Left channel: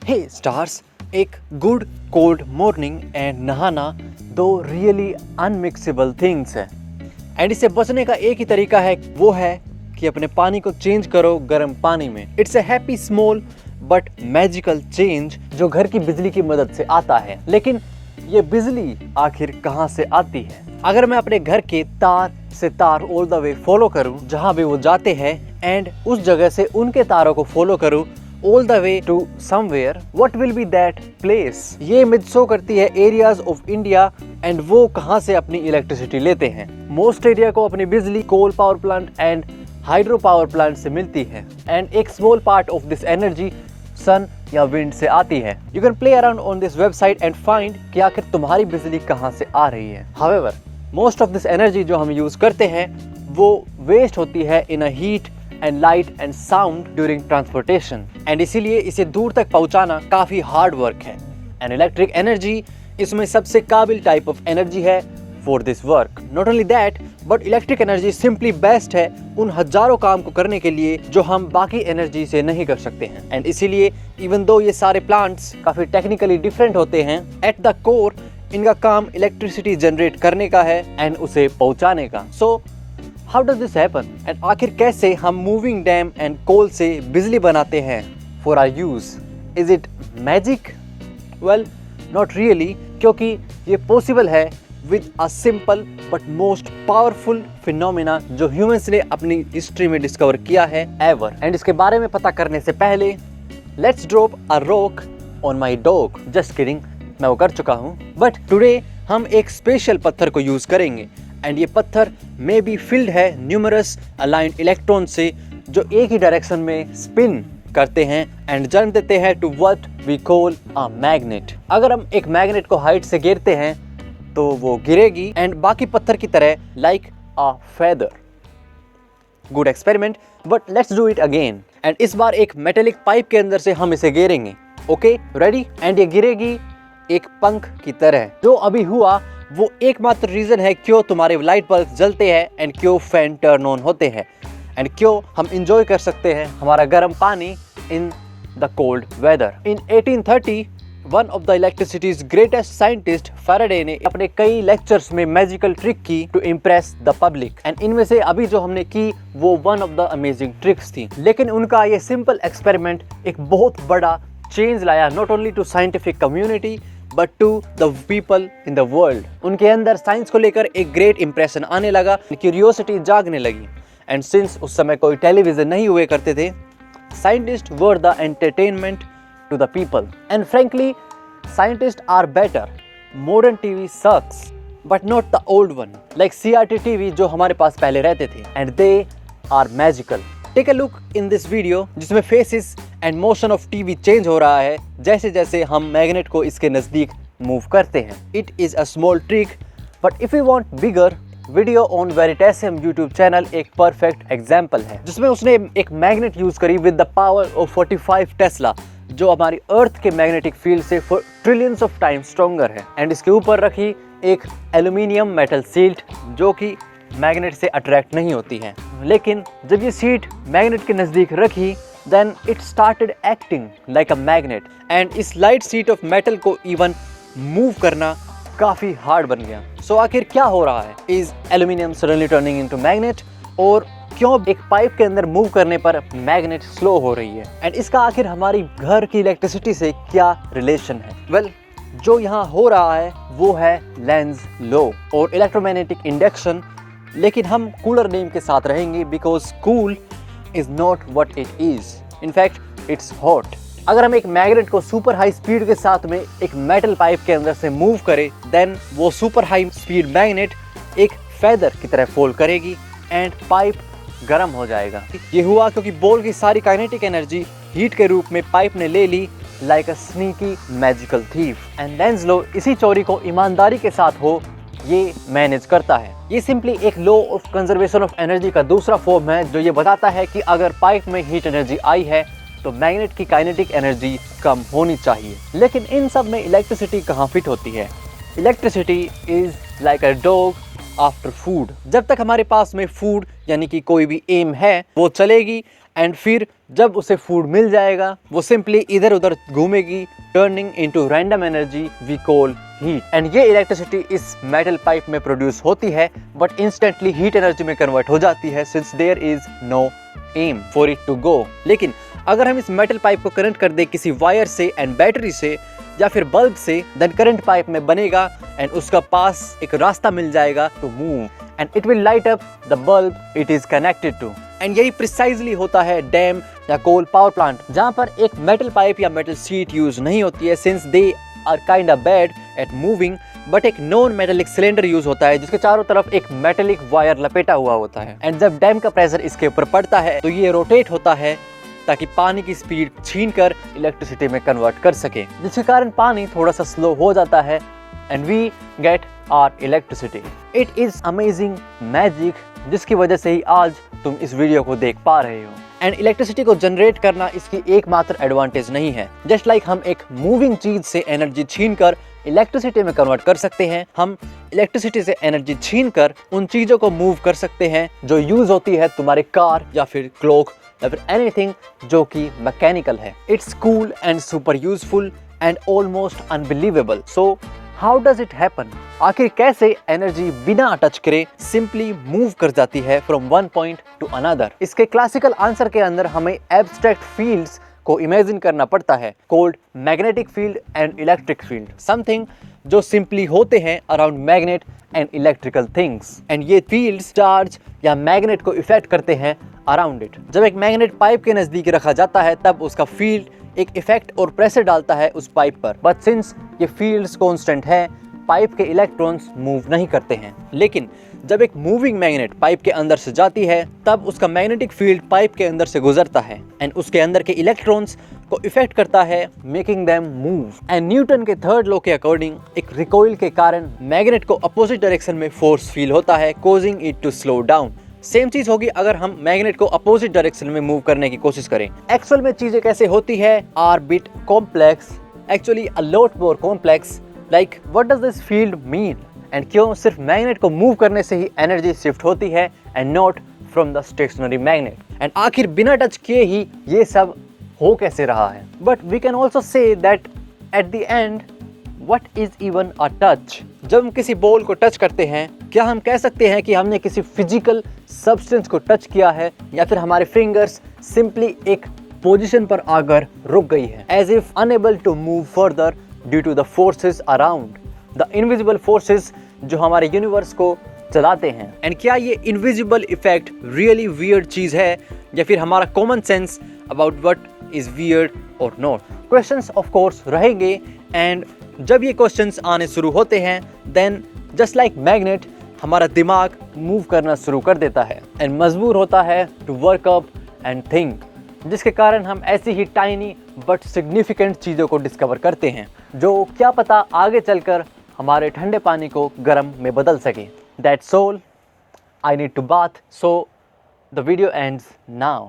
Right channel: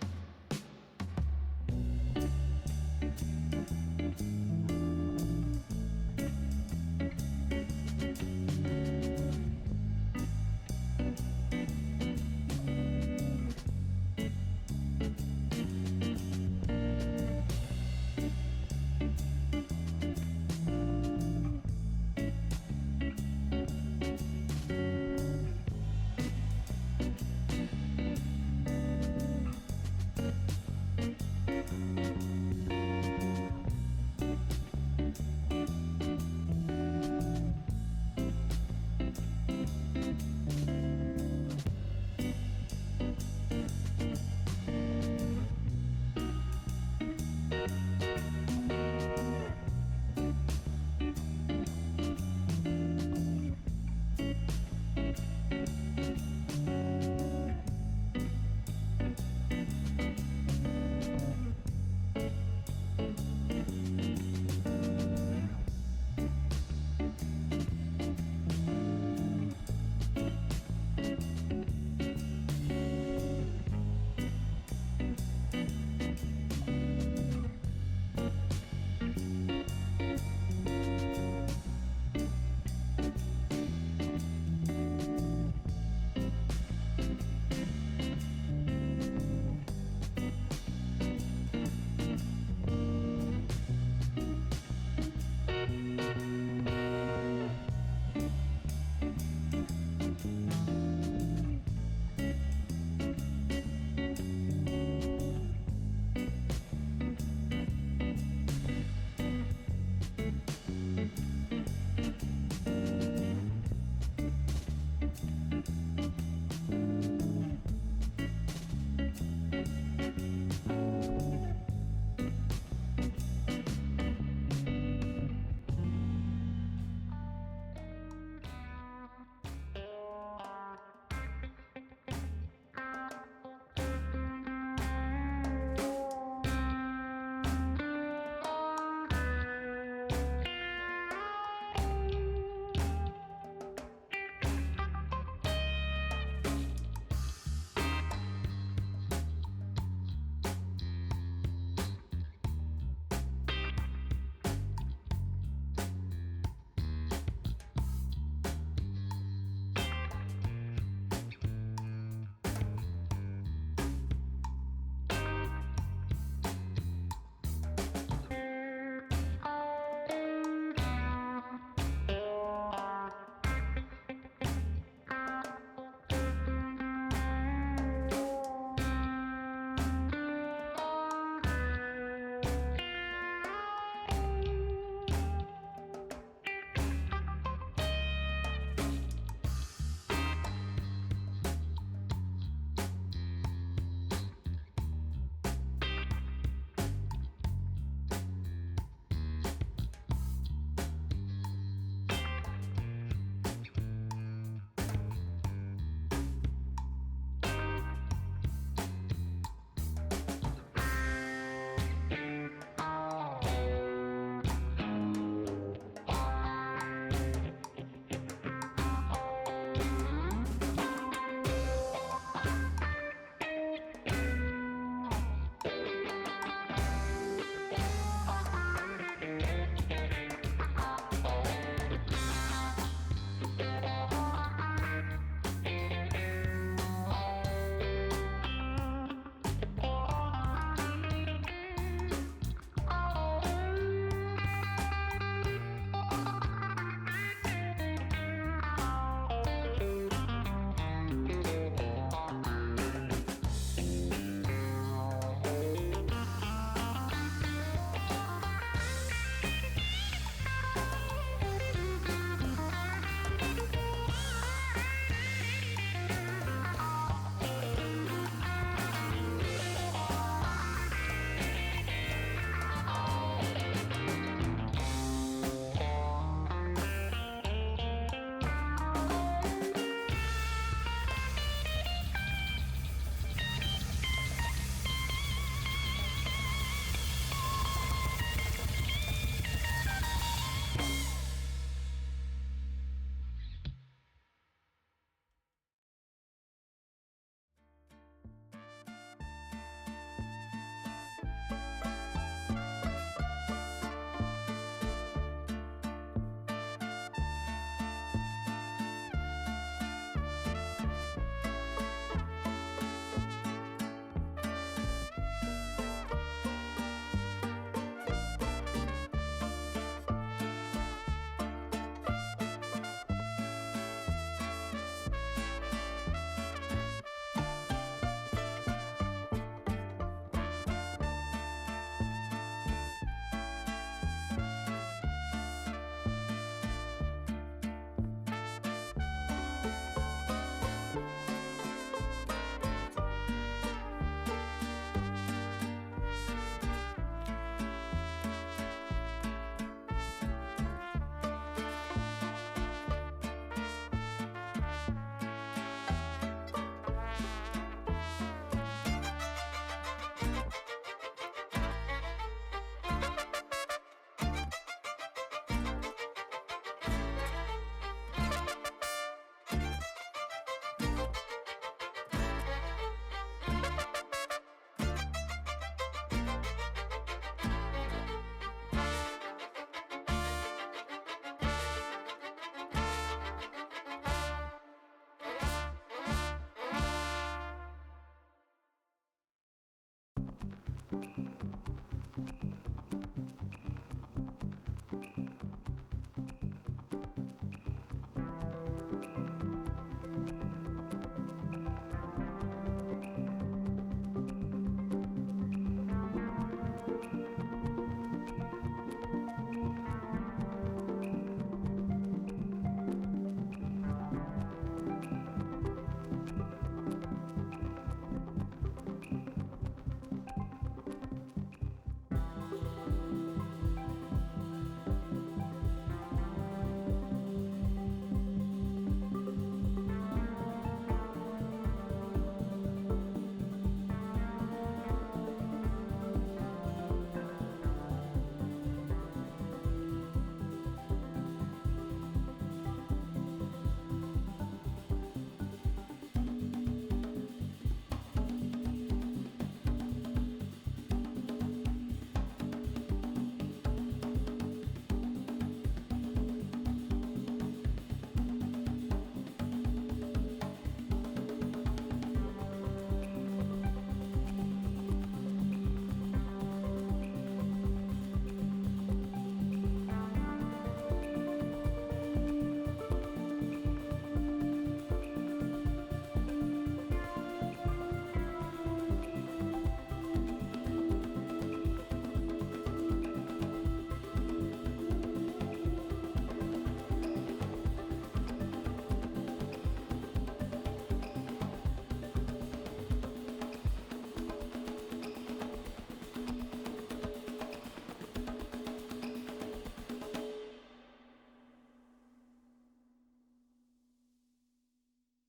हे stars, एक good cold morning and नहाना दो रियली अनमिक्सेबल थिंग्स है एंड इससे बचने का एक ही तरीका है, वो है कि अपने पानी को चेंज करो गर्म पानी में। It's a happy small but magical change जो घर की बिजली की मदद से आता है। लेकिन ये बिजली आखिर कहाँ से आती है? अगर मैं अपने घर के तार से तार ऑल द वे फॉलो करूं जहां भी वो जाते हैं एंड उस जगह से उनके तारों को फॉलो करूं all the way to somewhere, what will be that place? ये इमेज शो करती है एरियाज ऑफ इंडिया एंड वो कहाँ से अपनी इलेक्ट्रिसिटी लेते हैं। मोस्ट एरिया को अपनी बिजली coal power plant and hydro power plant से मिलती है एंड एक small part of this energy sun या विंड से आती है। You can play around on this website and find कि आखिर तुम्हारी बिजली कहाँ से आ रही है। However, most of this energy जो हम यूज करते हैं वो वेस्ट होती है in a heat and light and sound during transportation and इसीलिए इसे दूर तक पहुंचाना काफी हार्ड वर्क है। and electric energy इसमें सबसे काबिल टाइप ऑफ एनर्जी है for this work. Not only that, but electric energy simply best है उन हजारों काम को करने के लिए जो हम बाकी एनर्जी से नहीं कर सकते हैं। and इसीलिए even though ये सारे प्लांट्स काफी टेक्निकली डिफरेंट होते हैं, at the core इनका काम इलेक्ट्रिसिटी जनरेट करने का है एंड उसे पहुंचाने का। so How does this happen? And आखिर कैसे हम मूविंग डैम एंड कोल से बिजली बनाते हैं for our use? Is it magic? Well, not really, क्योंकि ये पॉसिबल है with a simple but most powerful phenomena जो ह्यूमंस ने अपनी हिस्ट्री में डिस्कवर किया है ever. एंड इसके बारे में पता करने से पहले let's drop a rock on my dog. Just kidding, मैं वो कर चुका हूँ। But today हम एक स्पेशल पत्थर को यूज करेंगे एंड ये पत्थर में भी फिल्ड है न्यूमरस अलाइंड इलेक्ट्रॉन से जो एक ही डायरेक्शन में स्पिन करते हैं एंड जन्म देते हैं to what we call a magnet. अगर हम एक मैग्नेट को हाइट से गिरते हैं तो वो गिरेगी एंड बाकी पत्थर की तरह like a feather. Good experiment, but let's do it again. And इस बार एक मेटेलिक पाइप के अंदर से हम इसे गिरेंगे। Okay, ready? एंड ये गिरेगी एक पंख की तरह। जो अभी हुआ वो एकमात्र रीजन है क्यों तुम्हारे लाइट बल्ब जलते हैं एंड क्यों फैन टर्न ऑन होते हैं एंड क्यों हम इंजॉय कर सकते हैं हमारा गर्म पानी in the cold weather. In 1830 one of the electricity's greatest scientist Faraday ने अपने कई लेक्चर्स में मैजिकल ट्रिक की to impress the public and इनमें से अभी जो हमने की वो one of the amazing tricks थी। लेकिन उनका ये सिंपल एक्सपेरिमेंट एक बहुत बड़ा चेंज लाया, not only to scientific community but to the people in the world. उनके अंदर साइंस को लेकर एक ग्रेट इंप्रेशन आने लगा, क्यूरियोसिटी जागने लगी एंड सिंस उस समय कोई टेलीविजन नहीं हुए करते थे, scientist were the entertainment to the people and frankly scientist are better. Modern TV sucks but not the old one like CRT TV जो हमारे पास पहले रहते थे and they are magical. Take a look in this video जिसमें faces and motion of TV change हो रहा है जैसे जैसे हम मैग्नेट को इसके नजदीक मूव करते हैं। It is a small trick but if you want bigger, video on Veritasium YouTube channel एक परफेक्ट एग्जांपल है जिसमें उसने एक मैग्नेट यूज करी with the power of 45 tesla जो हमारी अर्थ के मैग्नेटिक फील्ड से ट्रिलियंस ऑफ टाइम स्ट्रॉन्गर है एंड इसके ऊपर रखी एक एल्यूमिनियम मेटल सीट जो कि मैग्नेट से अट्रैक्ट नहीं होती है। लेकिन जब ये सीट मैग्नेट के नजदीक रखी then it started acting like a magnet and इस लाइट सीट ऑफ मेटल को इवन मूव करना काफी हार्ड बन गया। सो आखिर क्या हो रहा है? Is aluminium suddenly turning into magnet? और क्यों एक पाइप के अंदर मूव करने पर मैग्नेट स्लो हो रही है एंड इसका आखिर हमारी घर की इलेक्ट्रिसिटी से क्या रिलेशन है? वेल, जो यहाँ हो रहा है वो है लेंज लॉ और इलेक्ट्रोमैग्नेटिक इंडक्शन, लेकिन हम कूलर नेम के साथ रहेंगे because cool is not what it is. In fact, it's hot. अगर हम एक मैग्नेट को सुपर हाई स्पीड के साथ में एक मेटल पाइप के अंदर से मूव करें, देन वो सुपर हाई स्पीड मैग्नेट एक फेदर की तरह फोल्ड करेगी एंड पाइप गर्म हो जाएगा। ये हुआ क्योंकि बॉल की सारी काइनेटिक एनर्जी हीट के रूप में पाइप ने ले ली like a sneaky magical thief and Lenz law इसी चोरी को ईमानदारी के साथ हो ये मैनेज करता है। ये सिंपली एक law of conservation of energy का दूसरा फॉर्म है जो ये बताता है कि अगर पाइप में हीट एनर्जी आई है तो मैग्नेट की काइनेटिक एनर्जी कम होनी चाहिए। लेकिन इन सब में इलेक्ट्रिसिटी कहाँ फिट होती है? Electricity is like a dog after food. जब तक हमारे पास में फूड यानी कि कोई भी एम है वो चलेगी एंड फिर जब उसे फूड मिल जाएगा वो सिंपली इधर उधर घूमेगी, turning into random energy we call heat. And ये इलेक्ट्रिसिटी इस मेटल पाइप में प्रोड्यूस होती है बट इंस्टेंटली हीट एनर्जी में कन्वर्ट हो जाती है since there is no aim for it to go. लेकिन अगर हम इस मेटल पाइप को करंट कर दे किसी वायर से एंड बैटरी से या फिर बल्ब से, देन करंट पाइप में बनेगा एंड उसका पास एक रास्ता मिल जाएगा to move and it will light up the bulb it is connected to. And यही प्रिसाइजली होता है डैम या कोल पावर प्लांट, जहाँ पर एक मेटल पाइप या मेटल शीट यूज नहीं होती है since they are kind of bad at moving, but एक नॉन मेटेलिक सिलेंडर यूज होता है जिसके चारों तरफ एक मेटेलिक वायर लपेटा हुआ होता है। एंड जब डैम का प्रेशर इसके ऊपर पड़ता है तो ये रोटेट होता है ताकि पानी की स्पीड छीनकर इलेक्ट्रिसिटी में कन्वर्ट कर सके, जिसके कारण पानी थोड़ा सा स्लो हो जाता है and we get our electricity. It is amazing magic जिसकी वजह से ही आज तुम इस वीडियो को देख पा रहे हो। एंड इलेक्ट्रिसिटी को जनरेट करना इसकी एकमात्र एडवांटेज नहीं है। जस्ट लाइक हम एक मूविंग चीज से एनर्जी छीनकर इलेक्ट्रिसिटी में कन्वर्ट कर सकते हैं, हम इलेक्ट्रिसिटी से एनर्जी छीनकर उन चीजों को मूव कर सकते हैं जो यूज होती है तुम्हारे कार या फिर क्लॉक या फिर एनीथिंग जो कि मैकेनिकल है। It's cool and super useful and almost unbelievable. So how does it happen? आखिर कैसे एनर्जी बिना टच करे सिंपली मूव कर जाती है from one point two another? इसके क्लासिकल आंसर के अंदर हमें एब्स्ट्रैक्ट फील्ड्स को इमेजिन करना पड़ता है, called magnetic field and electric field, something जो सिंपली होते हैं around magnet and electrical things. And ये फील्ड्स चार्ज या मैग्नेट को इफेक्ट करते हैं अराउंड इट। जब एक मैग्नेट पाइप के नजदीक रखा जाता है तब उसका फील्ड एक इफेक्ट और प्रेशर डालता है उस पाइप पर, बट सिंस ये फील्ड्स कांस्टेंट हैं, पाइप के इलेक्ट्रॉन्स मूव नहीं करते हैं। लेकिन जब एक मूविंग मैग्नेट पाइप के अंदर से जाती है तब उसका मैग्नेटिक फील्ड पाइप के अंदर से गुजरता है एंड उसके अंदर के इलेक्ट्रॉन्स को इफेक्ट करता है, making them move. And Newton के थर्ड लॉ के अकॉर्डिंग एक रिकॉइल के कारण मैग्नेट को अपोजिट डायरेक्शन में फोर्स फील होता है, causing it to slow down. Same चीज होगी अगर हम मैग्नेट को अपोजिट डायरेक्शन में मूव करने की कोशिश करें। एक्चुअल में चीजें कैसे होती है are bit complex, actually a lot more complex. Like what does this field mean and क्यों सिर्फ मैग्नेट को मूव करने से ही एनर्जी शिफ्ट होती है and not from the stationary magnet? And आखिर बिना टच किए ही ये सब हो कैसे रहा है? But we can also say that at the end what is even a touch? जब हम किसी बॉल को टच करते हैं क्या हम कह सकते हैं कि हमने किसी फिजिकल सब्सटेंस को टच किया है, या फिर हमारे फिंगर्स सिंपली एक पोजीशन पर आकर रुक गई है, as if unable to move further due to the forces around, the invisible forces जो हमारे यूनिवर्स को चलाते हैं? एंड क्या ये इनविजिबल इफेक्ट रियली वियर्ड चीज है या फिर हमारा common sense about what is weird और नॉट? क्वेश्चंस ऑफ कोर्स रहेंगे एंड जब ये क्वेश्चंस आने शुरू होते हैं देन जस्ट लाइक मैग्नेट हमारा दिमाग मूव करना शुरू कर देता है एंड मजबूर होता है to work up and think, जिसके कारण हम ऐसी ही टाइनी बट सिग्निफिकेंट चीज़ों को डिस्कवर करते हैं जो क्या पता आगे चलकर हमारे ठंडे पानी को गर्म में बदल सके। That's all, I need to bath, so the video ends now.